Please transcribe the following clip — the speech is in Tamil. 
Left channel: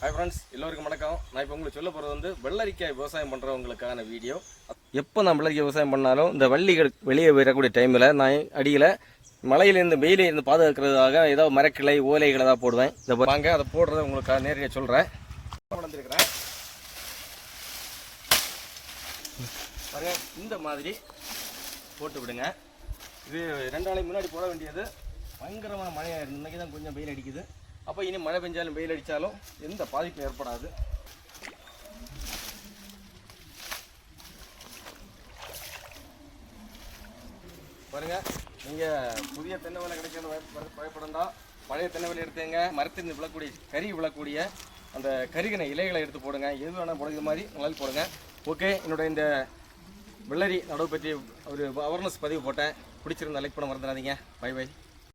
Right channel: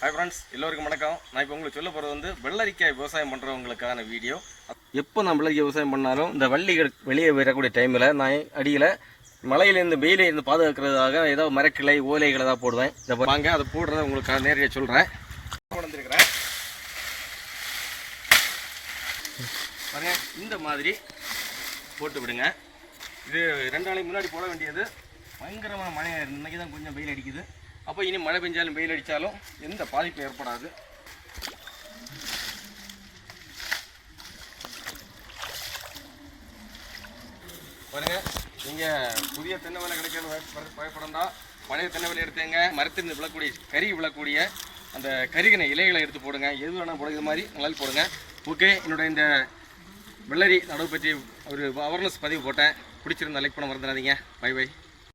ஹாய் ஃப்ரெண்ட்ஸ் எல்லோருக்கும் வணக்கம். நான் இப்போ உங்களுக்கு சொல்ல போகிறது வந்து வெள்ளரிக்காய் விவசாயம் பண்ணுறவங்களுக்கான வீடியோ. எப்போ நான் வெள்ளரிக்காய் விவசாயம் பண்ணாலும் இந்த வள்ளிகள் வெளியே வரக்கூடிய டைமில் நான் அடியில் மலையிலேருந்து வெயிலேருந்து பாதுகாக்கிறதுக்காக ஏதோ மரக்கிளை ஓலைகளை தான் போடுவேன். இதை வாங்க அதை போடுறேன். உங்களுக்கு நேரடியாக சொல்கிறேன் வளர்ந்துருக்கிறேன் பாருங்க இந்த மாதிரி போட்டு விடுங்க. இது ரெண்டு நாளைக்கு முன்னாடி போட வேண்டியது. பயங்கரமான மழையாக இருந்து இன்றைக்கி தான் கொஞ்சம் வெயில் அடிக்குது. அப்போ இனி மழை பெஞ்சாலும் வெயில் அடித்தாலும் எந்த பாதிப்பும் ஏற்படாது. பாருங்கள் நீங்கள் புதிய தென்னை வேலை கிடைக்கிறது தான். பழைய தென்னை வேலை எடுத்துங்க மரத்திலிருந்து விழக்கூடிய கறி விழக்கூடிய அந்த கருகின இலைகளை எடுத்து போடுங்க. எது வேணால் போடுங்க. மாதிரி நல்லா போடுங்க. ஓகே என்னோட இந்த வெள்ளரி நடவு பற்றி ஒரு அவேர்னஸ் பதிவு போட்டேன். பிடிச்சிருந்தா லைக் பண்ண மறந்துடாதீங்க. By by